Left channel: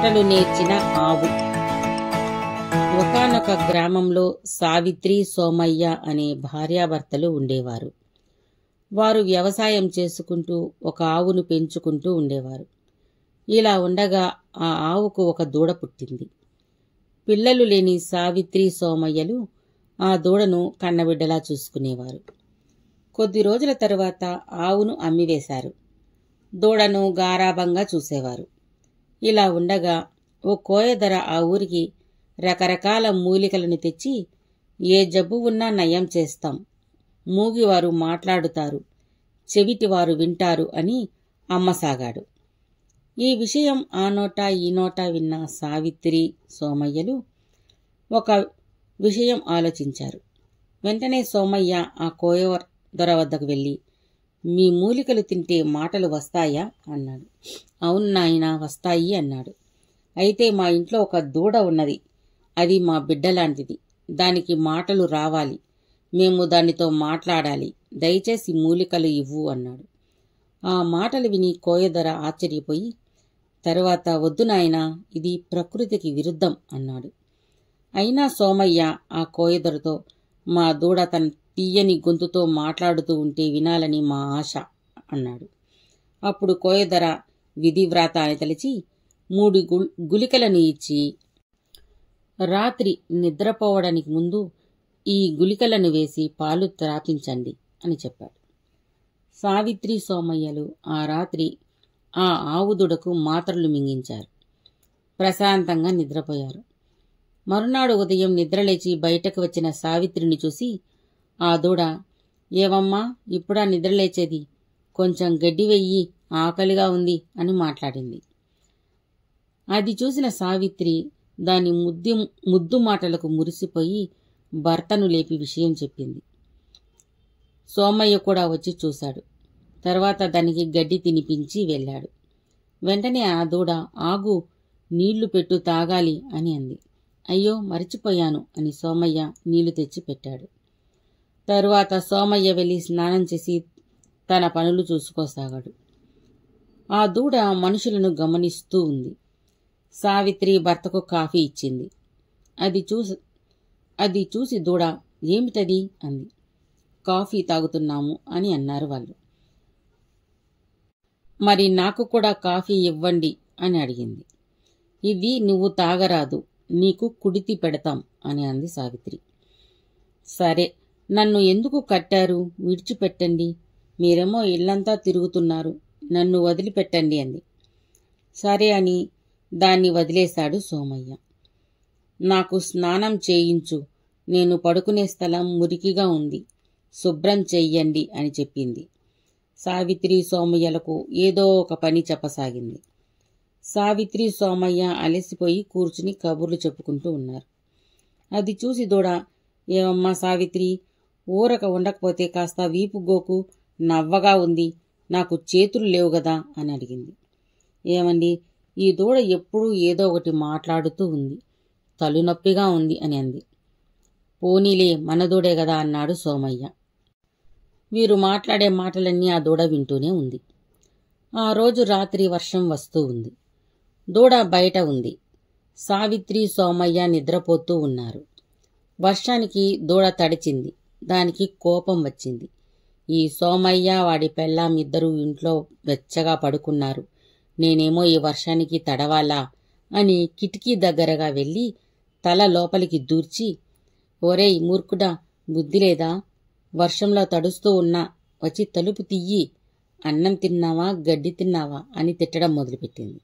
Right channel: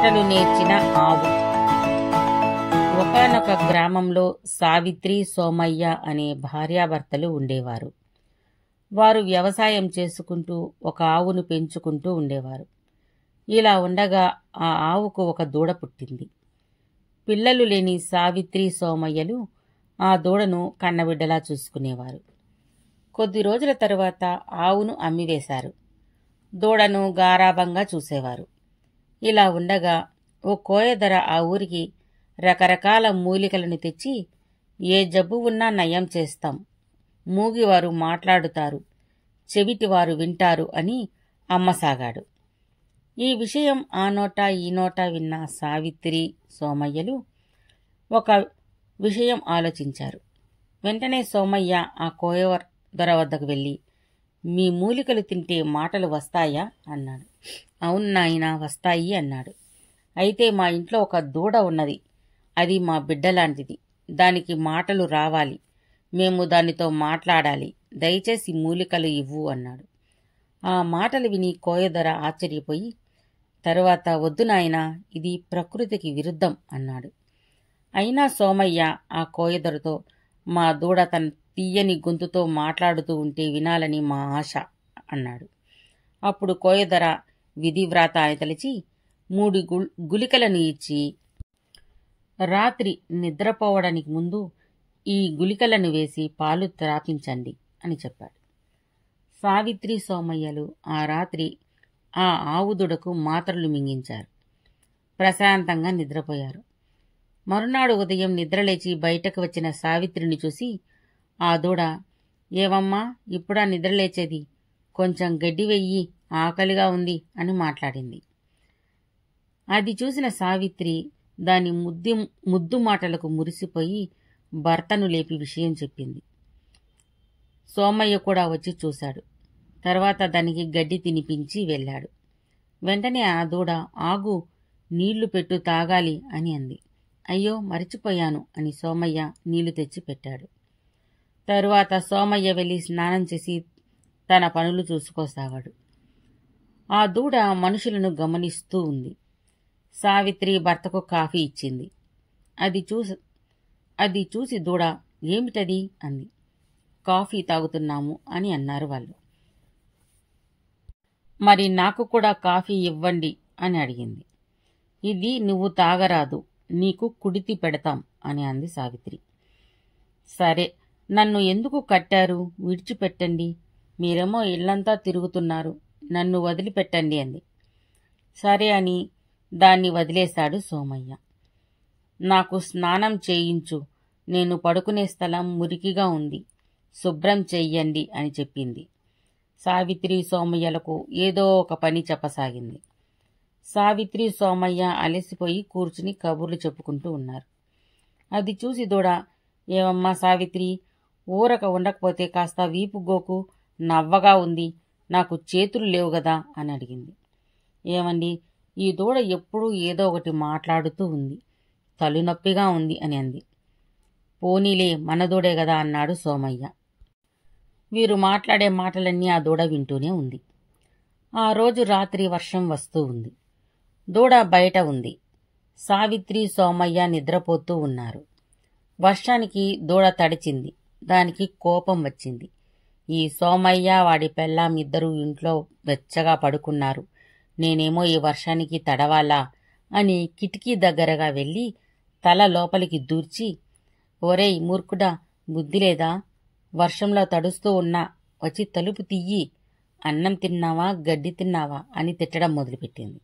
మాటలు నేర్చిన ఆవు. ఒకానొక గ్రామంలో సావిత్రి, సోమయ్య అనే భార్యాభర్తలు ఉండేవారు. వారు వ్యవసాయం చేసుకుంటూ ఒక ఆవును పెంచుకుంటూ ఉండేవారు. ఇలా ఉండగా ఆ ఆవుకు ఒక దూడ పుట్టింది. పిల్లలు లేని సావిత్రి, సోమయ్యలు ఆ దూడను కన్నబిడ్డలా చూసుకునేవారు. కొద్ది రోజుల తరువాత ఆవును అమ్మివేశారు. దూడను గారాబంగా చూసేవారు. ఇలా ఉండగా ఓ కోయదొర ఆ ఊరికి రకరకాల మూలికలను తెచ్చి, ఏ జబ్బు ఉన్నా నయం చేస్తాం, మూగివారు మాట్లాడుతారు, చెవిటివారు వింటారు అని అమ్మసాగాడు. ఈ విషయం ఆ నోట ఈ నోట విన్న సావిత్రి, సోమయ్యలు ఒక విషయం ఆలోచించారు. వెంటనే సోమయ్య ఆ కోయదొర వద్దకు వెళ్ళి, మీ మూలికలు తింటే మాటలు వస్తాయా అన్నాడు. అవును నాయనా, వస్తాయి అన్నాడు. అయితే మా ఇంట్లో ఒక దూడ ఉన్నది. అది మా బిడ్డలాంటిది. దానికి మాటలు రావాలి. మేము దానితో మాట్లాడాలి. దయచేసి మూలికలు ఇవ్వు అన్నాడు. ఆ మాటలు విని కోయదొర ఆశ్చర్యపోయి, తరువాత వద్దు నాయనా, ఇది ప్రకృతికి విరుద్ధం అన్నాడు. అయినా సోమయ్య ఆ కోయదొరతో, మా దూడ తన తీయని గొంతుతో మాట్లాడుతూ ఉంటే వినాలని మా ఆశ అన్నాడు. అప్పుడు కోయదొర విధివ్రాత అని తలిచి 3 గుళికలను ఇచ్చి, రాత్రి నిద్రపోవడానికి ముందు ఈ గుళికలను వేసి పాలు త్రాపించండి అని చెప్పాడు. సావిత్రి, సోమయ్యలు ఆ రాత్రి ఆ ఆవుదుడకు మాత్రలు మింగించారు. ప్రశాంతంగా నిద్రపోయారు. మరునాడు ఉదయం నిద్రలేచి బయటకు వచ్చిన సావిత్రిని చూసి ఆ దూడ, ఏవమ్మా, ఇప్పుడా నిద్రలేచేది? కొంచెం గడ్డి వెయ్యి, ఆకలిగా ఉంది అని మాట్లాడింది. అది చూసిన సావిత్రి దాని ముద్దు మాటలకు మురిసిపోయి భర్తను లేపి విషయం చెప్పింది. సోమయ్య కూడా వచ్చి చూశాడు. తర్వాత దానికి గడ్డి తినిపించి వెళ్ళాడు. వెంటనే ఆ దూడ, ఆగు, నీళ్లు పెట్టు, తాగాలి అని అంది. అయ్యో, మరిచిపోయాను అని సోమయ్య నీళ్లు తెచ్చి పెట్టాడు. తరువాత సోమయ్య వెళ్ళి స్నానం చేసి తన పనులు చూసుకోసాగాడు. ఆ దూడ మనుషులను గమనిస్తూ ఉంది. సావిత్రి భర్తకు కాఫీ ఇచ్చింది. అది చూసి దూడ, ఏమిటది అంది. కాఫీ తాగుతున్నాము అని అన్నారు వాళ్ళు. మరి నాకు కూడా కాఫీ ఇవ్వండి అని అడిగింది. ఇది నువ్వు తాగరాదు, నీకు కుడితి పెడతాం అని అంది సావిత్రి. సరే, నన్ను ఎందుకు కట్టారు? విడిచిపెట్టండి, మీరేమో ఇళ్లంతా తిరుగుతున్నారు, నన్ను వదిలిపెట్టండి అంది. సరే అని దాన్ని వదిలేశాడు సోమయ్య. నాకు స్నానం చేయించు, నేను పడుకునే స్థలం మురికిగా ఉంది, శుభ్రం చెయ్యండి అని చెప్పింది. సావిత్రి, సోమయ్యలకు ఏదో ఒక పని చెప్పసాగింది. సావిత్రి, సోమయ్య అలసిపోయి కూర్చుని కబుర్లు చెప్పుకుంటూ ఉన్నారు. అది చూసి దూడ, ఏమమ్మా సావిత్రి, ఊరక ఉండకపోతే కాస్త వీపు గోకు, నవ్వగా ఉంది, నాకు చేతులు లేవు గదా అని అడిగింది. ఏమండి, ఈ దూడ ఎప్పుడూ ఏదో ఒకటి మాట్లాడుతూ ఉంది, తలునొప్పిగా ఉంది అని అంది. పోనీలే, మన దూడే గదా అన్నాడు సోమయ్య. వీరు మాట్లాడే మాటలన్నీ ఆ దూడ వింటూనే ఉంది. ఆ రోజు రాత్రి వర్షం వస్తూ ఉంది. దూడ బయట ఉంది. సావిత్రి, సోమయ్య నిద్రపోతూ ఉన్నారు. వర్షానికి దూడ తడిచింది. దానికి కోపం వచ్చింది. ఈ సోమయ్య, వాడి పెళ్ళాం ఇద్దరూ ఇంట్లో వెచ్చగా పడుకున్నారు, నేనేమో ఈ వర్షానికి తడవాలా అని కిటికీ దగ్గరగా వెళ్ళి తల లోపలికి దూర్చి, ఒరేయ్ మూర్ఖుడా, బుద్ధిలేదా? వర్షంలో తడుస్తూ ఉన్నా, వచ్చి తలుపు తియ్యి, అన్నం తిన్నావా, గడ్డి తిన్నావా అని తిట్టడం మొదలుపెట్టింది.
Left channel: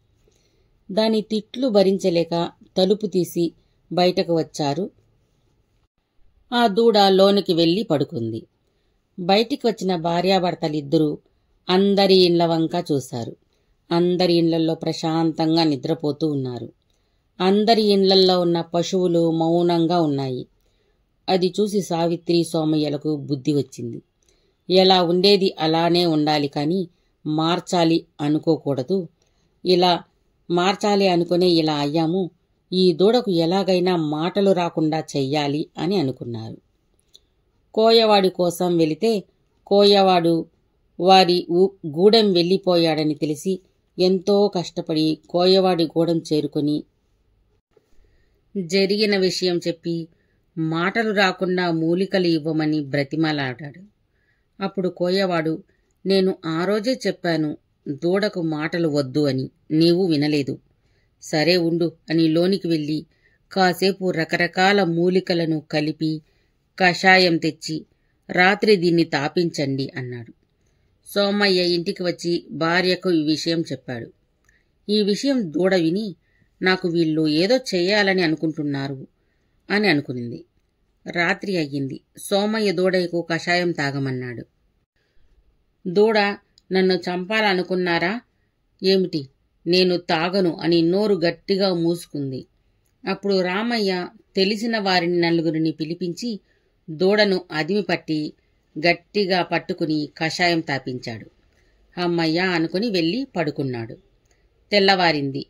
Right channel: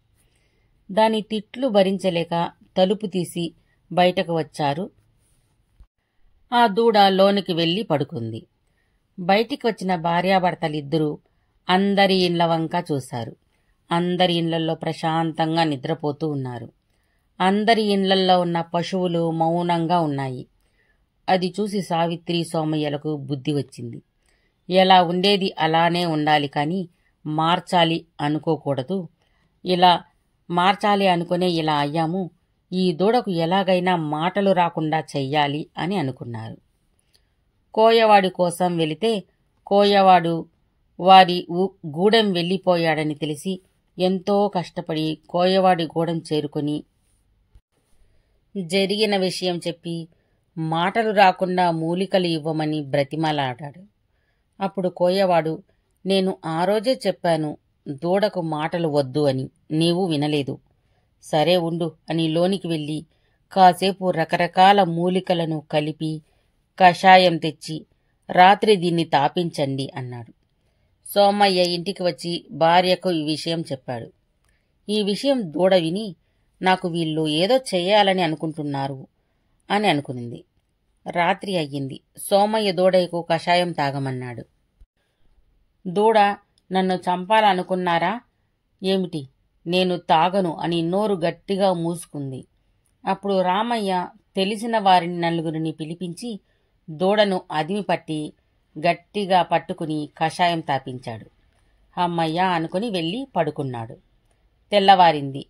దాని తిట్లు భరించలేక తలుపు తీసి బయటకు వచ్చారు. ఆ దూడ లోనికి వెళ్లి పడుకుంది. బయటికి వచ్చిన భార్యాభర్తలిద్దరూ అందరి ఇండ్ల వంక చూశారు. అందరి ఇండ్లల్లో ప్రశాంతంగా నిద్రపోతూ ఉన్నారు. అందరి ఇండ్లల్లో ఉన్న పశువులు మౌనంగా ఉన్నాయి. అది చూసి సావిత్రి, సోమయ్యలకు బుద్ధి వచ్చింది. ఎలా ఉండేది అలానే ఉండాలి, కానీ మార్చాలి అనుకోకూడదు. ఇలా మార్చాలి అనుకునే ఇలా అయ్యాము. ఈ దూడకు ఎలాగైనా మాటలు రాకుండా చెయ్యాలి అని అనుకున్నారు. కోయవాడి కోసం వెళితే కోయవాడు వారి గూడెం వెళ్ళిపోయాడని తెలిసి ఎంతో కష్టపడి కోయవాడి గూడెం చేరుకొని జరిగిన విషయం చెప్పి మాటలు రాకుండా మూలికలు ఇవ్వమని బ్రతిమలాడాడు. అప్పుడు కోయవాడు, నేను ఆ రోజే చెప్పాను దూడకు మాటలు వద్దు అని, నీవు వినలేదు. సరే ఉండు అని లోనికి వెళ్ళి కాసేపు రకరకాల మూలికలను కలిపి కషాయం తెచ్చి రాత్రి దీన్ని తాపించండి అన్నాడు. సోమయ్య ఇంటికి వచ్చి భార్యకు ఈ విషయం చెప్పాడు. ఈ విషయం దూడ విని, నాకు వీళ్ళు ఏదో చెయ్యాలని అనుకుంటున్నారు అని అనుకునింది. రాత్రి అయ్యింది. సోమయ్య దూడకు కషాయం తాగమన్నాడు. దూడ, నన్ను చంపాలనుకున్నారా ఏమిటి, నేను తాగను అని నోరు గట్టిగా మూసుకుంది. అప్పుడు రామయ్య తెలిసిన వారిని నలుగురిని పిలిపించి దూడను అదిమి పట్టి గట్టిగా పట్టుకుని కషాయం తాపించాడు. అమ్మయ్య అనుకుని వెళ్ళి పడుకున్నాడు. తెల్లవారింది.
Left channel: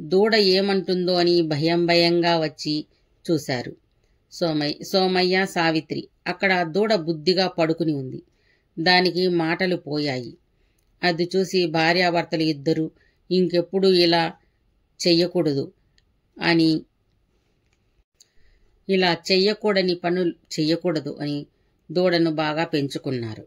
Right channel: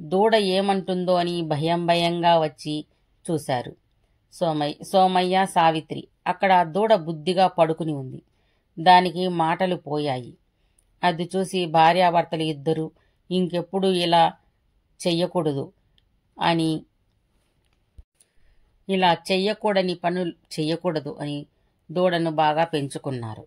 దూడ ఏమంటుందో అని భయంగా వచ్చి చూశారు. సోమయ్య, సావిత్రి. అక్కడ దూడ బుద్ధిగా పడుకుని ఉంది. దానికి మాటలు పోయాయి. అది చూసి భార్యాభర్తలు ఇద్దరూ ఇంకెప్పుడు ఇలా చెయ్యకూడదు అని, ఇలా చెయ్యకూడని పనులు చెయ్యకూడదు అని దూడను బాగా పెంచుకున్నారు.